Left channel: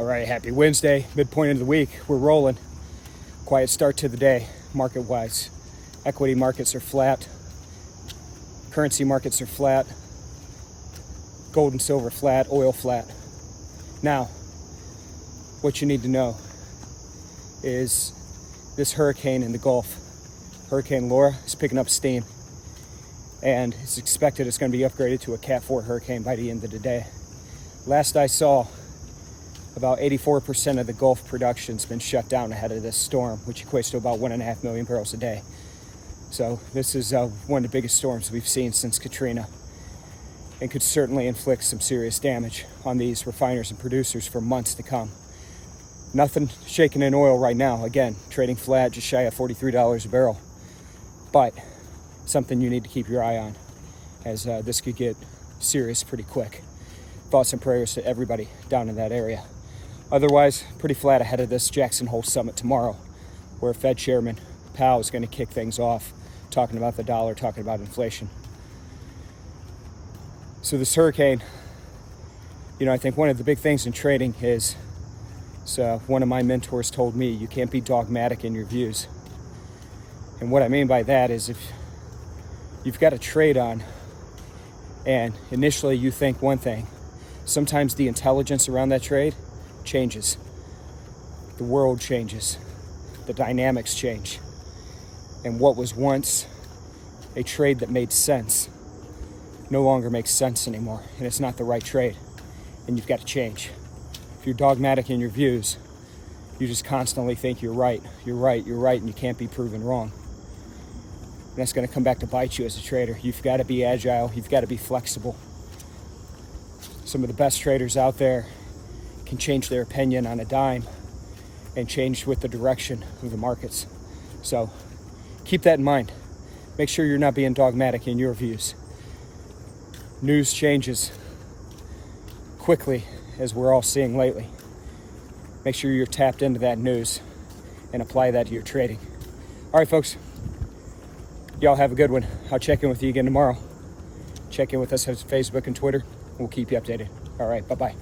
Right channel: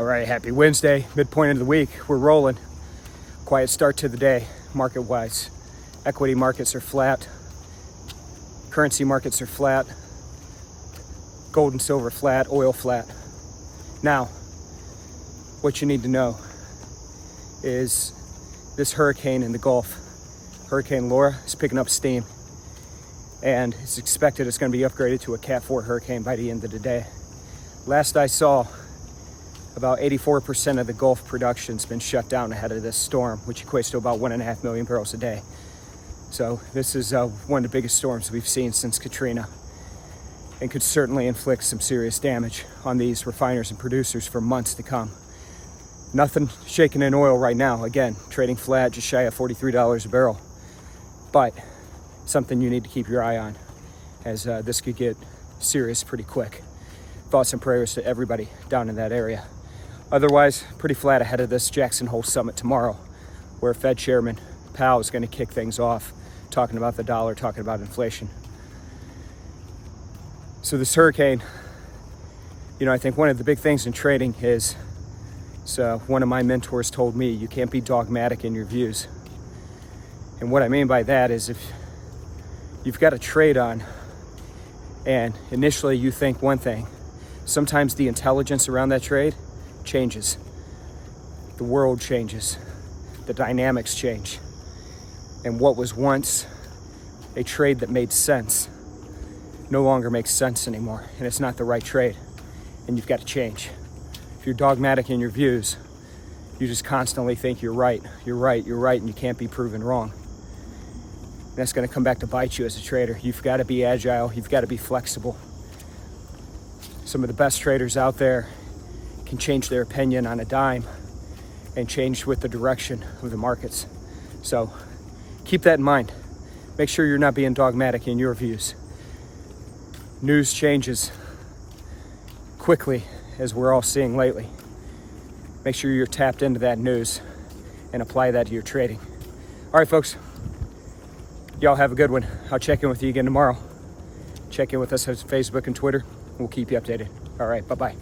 All right, happy Wednesday, midpoint of the week. We're rolling. Quiet start to the day, market-wise. Equity markets are flat. Currency markets are flat. Gold and silver flat, oil flat. Now, what you need to know is this hurricane in the Gulf, Hurricane Laura, is picking up steam. And it's expected it's going to be upgraded to a Cat 4 hurricane by the end of the day. Last I saw, about 84% of the Gulf production's been shut down ahead of this storm, which equates to about 1.5 million barrels a day. So this is one of the biggest storms we've seen since Katrina, and could certainly inflict some serious damage on these refiners and producers for months to come. Nothing shaking in oil right now. Again, trading flat, just shy of $43 a barrel. But something you need to keep your eye on, as this could get serious pretty quick. Thoughts and prayers to everybody down in that area. Otherwise, pretty flat ahead of this Jackson Hole Summit tomorrow, where Fed Chairman Powell is going to kick things off, talking about the dollar, talking about inflation. So this hurricane, I think one of the big things in trading is, so one of my mentors told me, you can't be dogmatic in your views. And what I mean by that is, if you've got a trade on and initially you think one thing, sometimes the intelligence around that trade changes. The world changes. The dynamics change. And what was once a trade that made sense no longer makes sense anymore. And it's not the right trade. And you've got to change. If you're dogmatic in your views, you just constantly think you're right, and you can't be proven wrong. That's going to come back to bite you as a trader. You've got to be agile. You've got to be flexible. Some of the best traders out there can change their opinion on a dime and change with the direction of the markets. So keep that in mind. Make sure you're not being dogmatic in your views. News changes quickly, as we're all seeing lately. Make sure you're tapped into that news and apply that to your trading. All right, folks. Y'all have a good one. I'll check in with you again tomorrow. Check in with us on Facebook and Twitter. We'll keep you updated. All right, bye-bye.